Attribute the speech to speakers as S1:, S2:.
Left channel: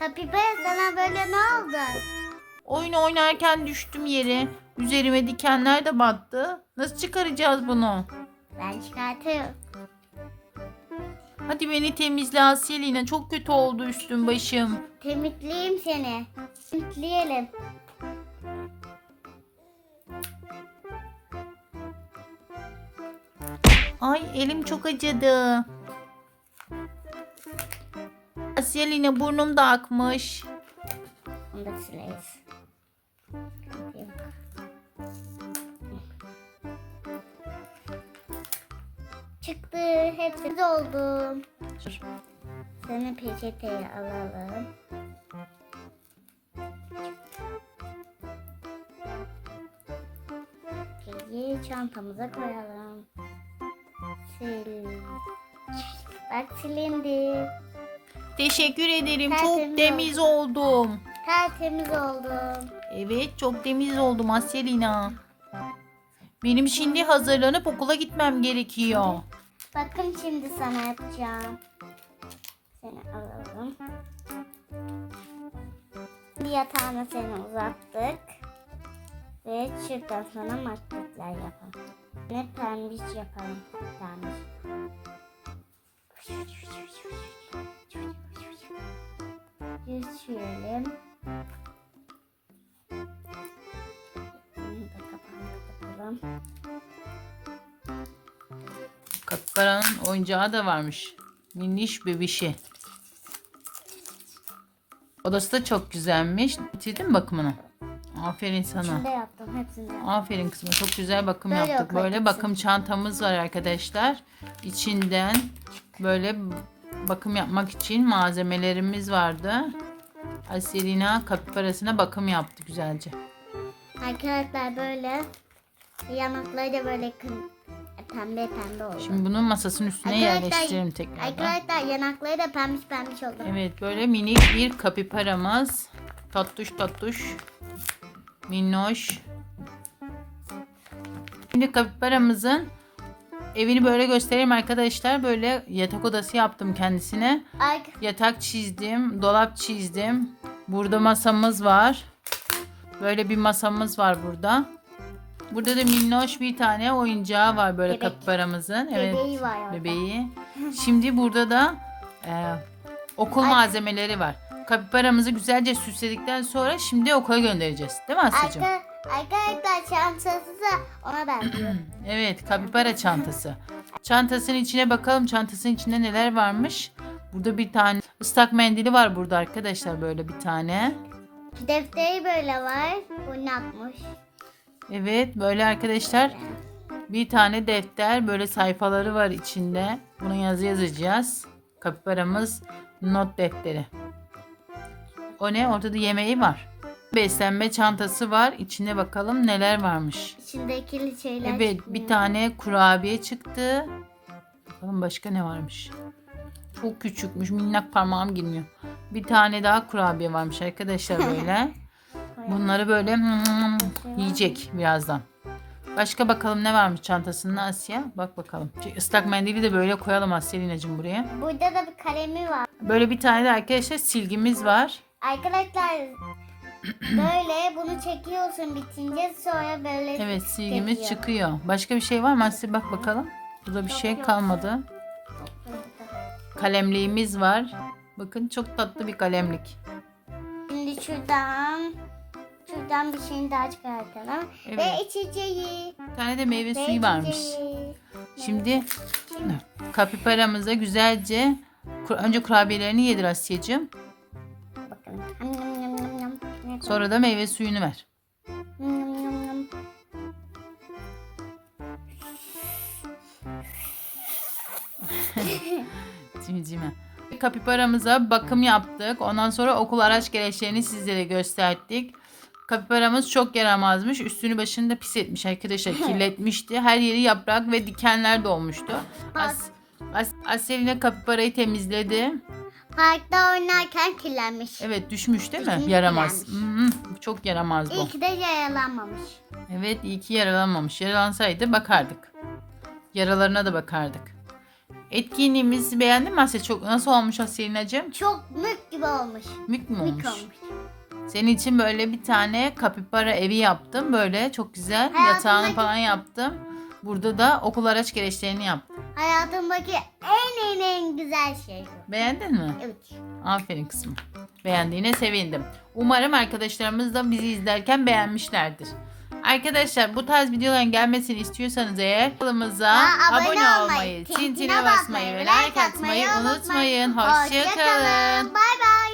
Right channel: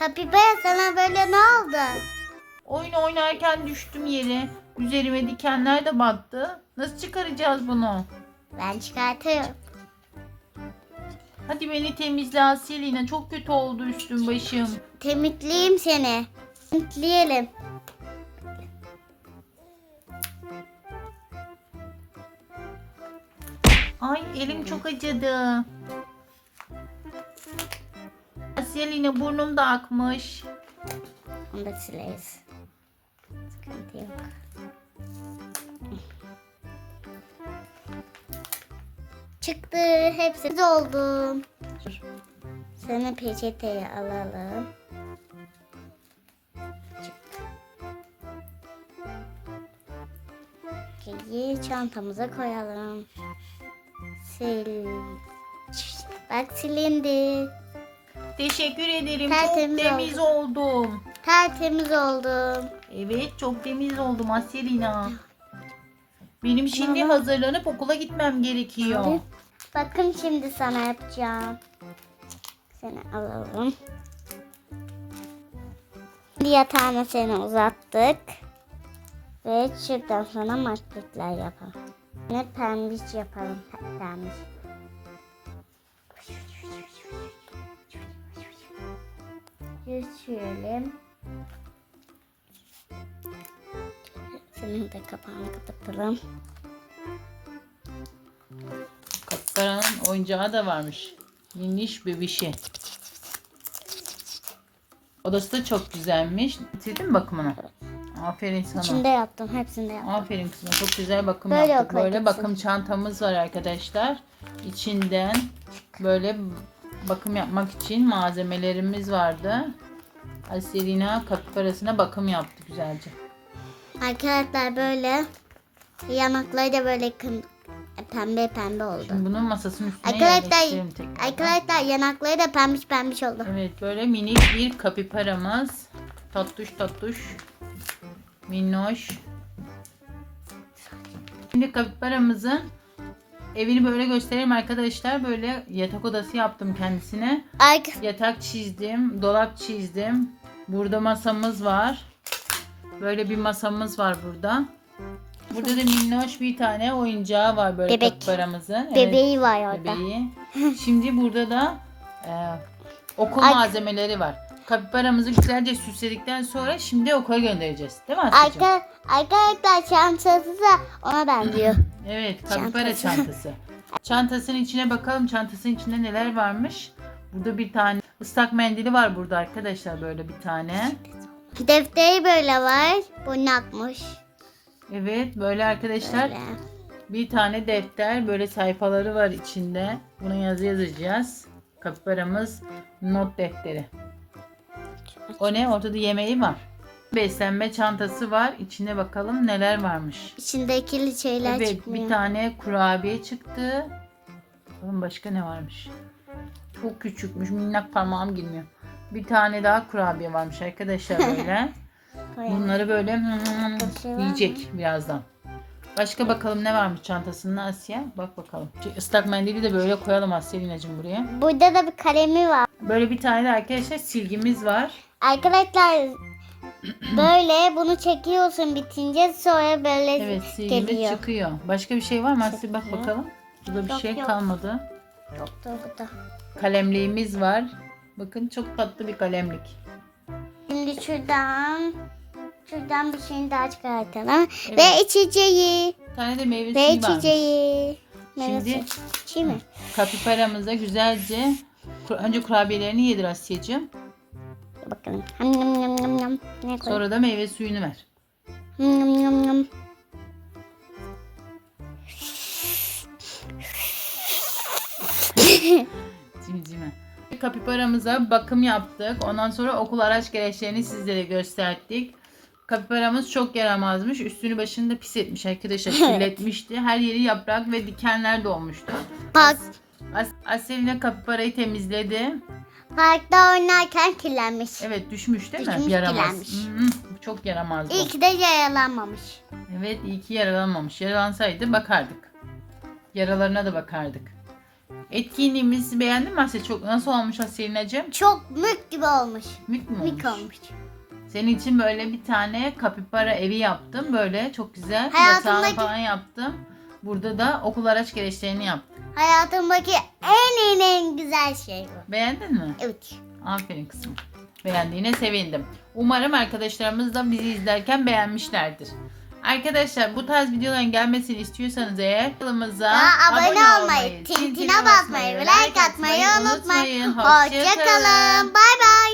S1: Kapibara sana böyle ne oldu?
S2: Oyun oynarken düştüm yere. Üzerime dikenler de battı. Nasıl çıkaracağız bunu?
S1: Ben çıkartıyorum.
S2: Hadi beni temizle Asyelina. Çok kötü oldu üstüm başım.
S1: Temizleyeyim seni. Temizleyelim.
S2: Ay elim çok acıdı. Asyelina burnum da akmış.
S1: Onu da sileriz. Sıkıntı yok. Çıktı. Hepsi oldu. Seni peçeteye alalım. Şeyi çantamıza koyalım. Sil. Bak silindi.
S2: Teşekkür ederim. Çok
S1: Tertemiz
S2: temiz oldum.
S1: Tertemiz oldum.
S2: Evet çok temiz oldum Asyelina. Benim şimdi hazırlanıp okula gitmem gerekiyor.
S1: Bakın şimdi sana yapacağım. Seni alalım. Bir yatağına seni uzattık. Ve şuradan sonra maskotlar yapalım. Ne pembiş yapalım. Pembiş. Geçirelim. Senin de kapağını kapatalım.
S2: Kapkaranın oyuncağı da varmış. Minniş bebişi. Odası da çok güzelmiş. Bitirdin mi bakımını? Aferin sana.
S1: İçinde yaptım. Hepsinde yaptım.
S2: Aferin kızıma. Çok güzel bakım
S1: Böyle
S2: yaptık. Böyle
S1: kızım.
S2: bakım çantamız var arkadaşlar. İçinden böyle bakım yapmak için malzemelerimiz vardı. Aselina kapibarasına bakım yaptı güzelce.
S1: Arkadaşlar böyle yanakları da böyle kın, pembe pembe oldu.
S2: Şimdi bunun masasının üstüne yerleştirelim tekrar.
S1: arkadaşlar yanakları da pembiş pembiş oldu.
S2: Evet böyle minik bir kapibaramız. Tattuş tattuş. Minnoş. Şimdi kapibaramızın evini böyle göstereyim arkadaşlar. Böyle yatak odası yaptım kendisine.
S1: Ark
S2: Yatak çizdim, dolap çizdim. Burada masamız var. Böyle bir masamız var burada. Burada da minnoş bir tane oyuncağı var böyle
S1: Bebek.
S2: kapibaramızın. Evet,
S1: bebeği var orada.
S2: bebeği. Şimdi burada da e, okul
S1: Ay-
S2: malzemeleri var. Kapibaramızı güzelce süsledikten sonra şimdi okula göndereceğiz. Değil mi Asya'cığım?
S1: Arka, arkadaşlar çantası da ona benziyor.
S2: Evet, kapibara
S1: Çantası.
S2: çantası. Çantasının içine bakalım. Çantasının içinde neler varmış? Burada bir tane ıslak mendili var burada arkadaşlar böyle bir tane.
S1: Defteri böyle var. Bu nakmış.
S2: Evet, böyle arkadaşlar
S1: Böyle.
S2: bir tane defter böyle sayfaları var içinde. Buna yazı yazacağız. Kapibaramız not defteri. O ne? Orada da yemeği var. Beslenme çantası var. İçine bakalım neler varmış.
S1: İçindeki şeyler
S2: Evet
S1: çıkmıyor.
S2: bir tane kurabiye çıktı. Bakalım başka ne varmış. Çok küçükmüş minnak parmağım girmiyor. Bir tane daha kurabiye varmış arkadaşlar böyle. Bunları böyle hmm, yiyecek birazdan. Başka bakalım ne varmış çantasında Asya. Bak bakalım. Şey, Islak mendili de böyle koyalım Asya'nacığım buraya.
S1: Burada da bir kalemi var.
S2: Böyle bir tane de arkadaşlar silgimiz var.
S1: Arkadaşlar böyle bunu çekiyorsun bitince sonra böyle
S2: Evet silgimiz
S1: geliyor.
S2: çıkıyor. Başka bir şey var mı Asya? Bak
S1: Çıkıyor.
S2: bakalım. Burada bir
S1: Yok,
S2: şey
S1: yok.
S2: kalmadı.
S1: Doktor burada.
S2: Kalemliğimiz var. Bakın çok tatlı bir kalemlik.
S1: Şimdi şuradan şuradan bir şeyini daha çıkartalım.
S2: Evet.
S1: Ve içeceği.
S2: Bir tane de meyve
S1: Ve
S2: suyu varmış.
S1: içeceği.
S2: Şimdi
S1: Şey mi?
S2: kapibaramıza güzelce kur- önce kurabiyelerini yedir Asya'cığım.
S1: Ham. Ne?
S2: Sonra da meyve suyunu ver.
S1: Ham yam yam.
S2: Cimcime. Kapibaramıza bakım yaptık. Ondan sonra okul araç gereçlerini sizlere gösterdik. Kapibaramız çok yaramazmış. Üstünü başını da pis etmiş arkadaşlar. Kirletmişti. Her yeri yaprak ve dikenler dolmuştu.
S1: Park,
S2: As Aselina kapibarayı temizledi.
S1: Parkta oynarken kirlenmiş.
S2: Evet düşmüş değil mi?
S1: Düşmüş,
S2: Yaramaz.
S1: kirlenmiş.
S2: Hı çok yaramazdı.
S1: İyi ki de yaralanmamış.
S2: Evet iyi ki yaralanmamış. Yaralansaydı bakardık. Yaralarına da bakardık. Etkinliğimizi beğendin mi Asya? Çok nasıl olmuş Asya'nacığım?
S1: Çok mük gibi olmuş.
S2: Mük mü olmuş?
S1: Mük olmuş.
S2: Senin için böyle bir tane kapibara evi yaptım. Böyle çok güzel. Yatağını
S1: Hayatımdaki-
S2: falan yaptım. Burada da okul araç gereçlerini yaptım.
S1: Hayatımdaki en en güzel şey bu.
S2: Beğendin mi?
S1: Evet.
S2: Aferin kızım. Beğendiğine sevindim. Umarım arkadaşlarımız da bizi izlerken beğenmişlerdir. Arkadaşlar bu tarz videoların gelmesini istiyorsanız eğer kanalımıza abone,
S1: abone
S2: olmayı,
S1: tintine
S2: basmayı ve like atmayı unutmayın.
S1: Hoşçakalın.
S2: Hoşçakalın.
S1: Bye